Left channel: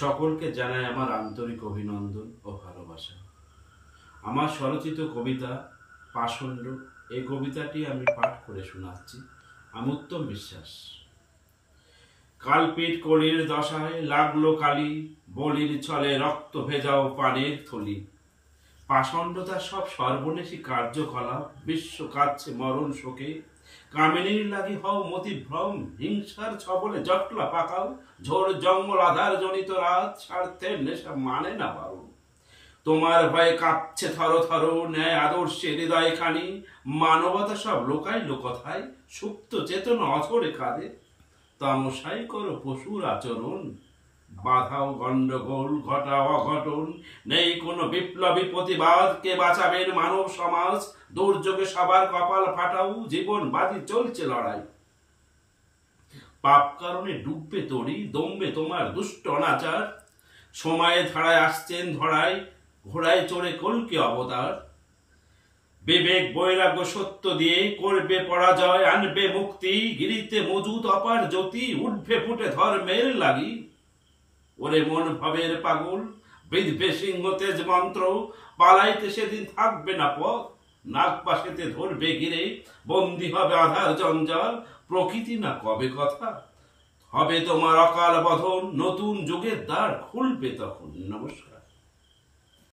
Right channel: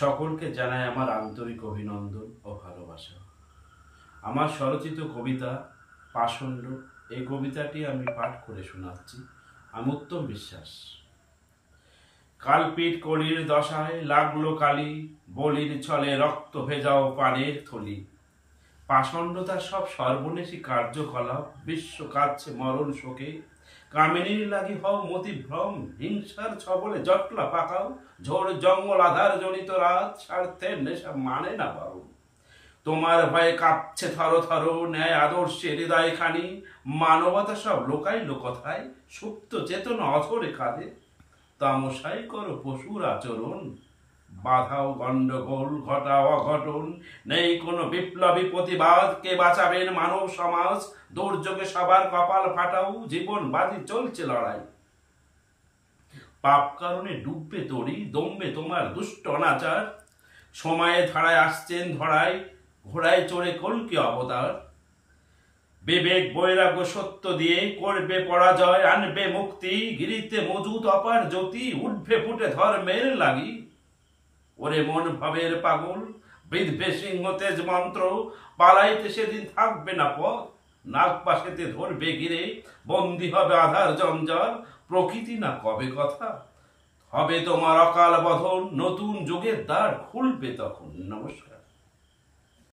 সকলকে জানাই আমার আন্তরিক অভিনন্দন ও ভালোবাসা। আমার স্বরচিত কবিতা পাষণ্ড, এই কবিতাটি আমি পাঠ করে শোনাচ্ছি। আমি উত্তম বিশ্বাস। কালপিট কলির দশায় লাগলো কালি, বলির ছলে রক্ত ভেজাও পানের থলি। পাষণ্ডতার সব সর্বনেশী কার্যকলাপ, বিশ্ব কাঁদছে মরণ শোকে। কামিনীর লাগি হও মতিভ্রম, হিংসার ছবলে জটলা পাকাও। ঝোর জঙ্গল আধার জনিত রাত, স্বার্থের নেশা মানে না বারণ। তোমার ভয়ে কাঁপছে থর থর, ন্যায় আদর্শে হৃদয় খানি। মানবতা সব লোকাইল কথায়, সুপ্ত চেতনা অঝরে কাঁদে। তামসাই করো পশুর আচরণ, বাধাও গন্ডগোল, ঘটাও অঘটন। নেই কোনো বিপ্লবী প্রতিবাদ, কে বাঁচাবেন মানব সমাজ। দুর্যোগে সবার কপাল ফাটাও, জীবন বাজি চলছে লড়াই। পাপ কারণে ডুববে তরি, দমবে তোমার দুষ্ট অনাচার। সময়ে ধারায় আসছেন ধরায়, ঘোড়ায় চড়ে কলকি অবতার। বিবেক বৈরাগ্য সত্য দিয়ে করবে পরাজয়, আনবে মুক্তি। গিরিতে মজুদ অপার জ্যোতি, উঠবে ফুটে ধর্মের লাগি। ওরে মন ভাবের পাগল, বিধবে সিংহ তেজ মন্ত্র। পালাইতে সেদিন থাকবে না পথ, নাগ পাশেতে ধরবে ঘিরে। বন্দী হবে আধার জঞ্জাল, প্রকৃতি না কবে কথা। হবে তোমার অকাল বধন, নতুন যুগের দ্বার খুলবে তখন। নমস্কার।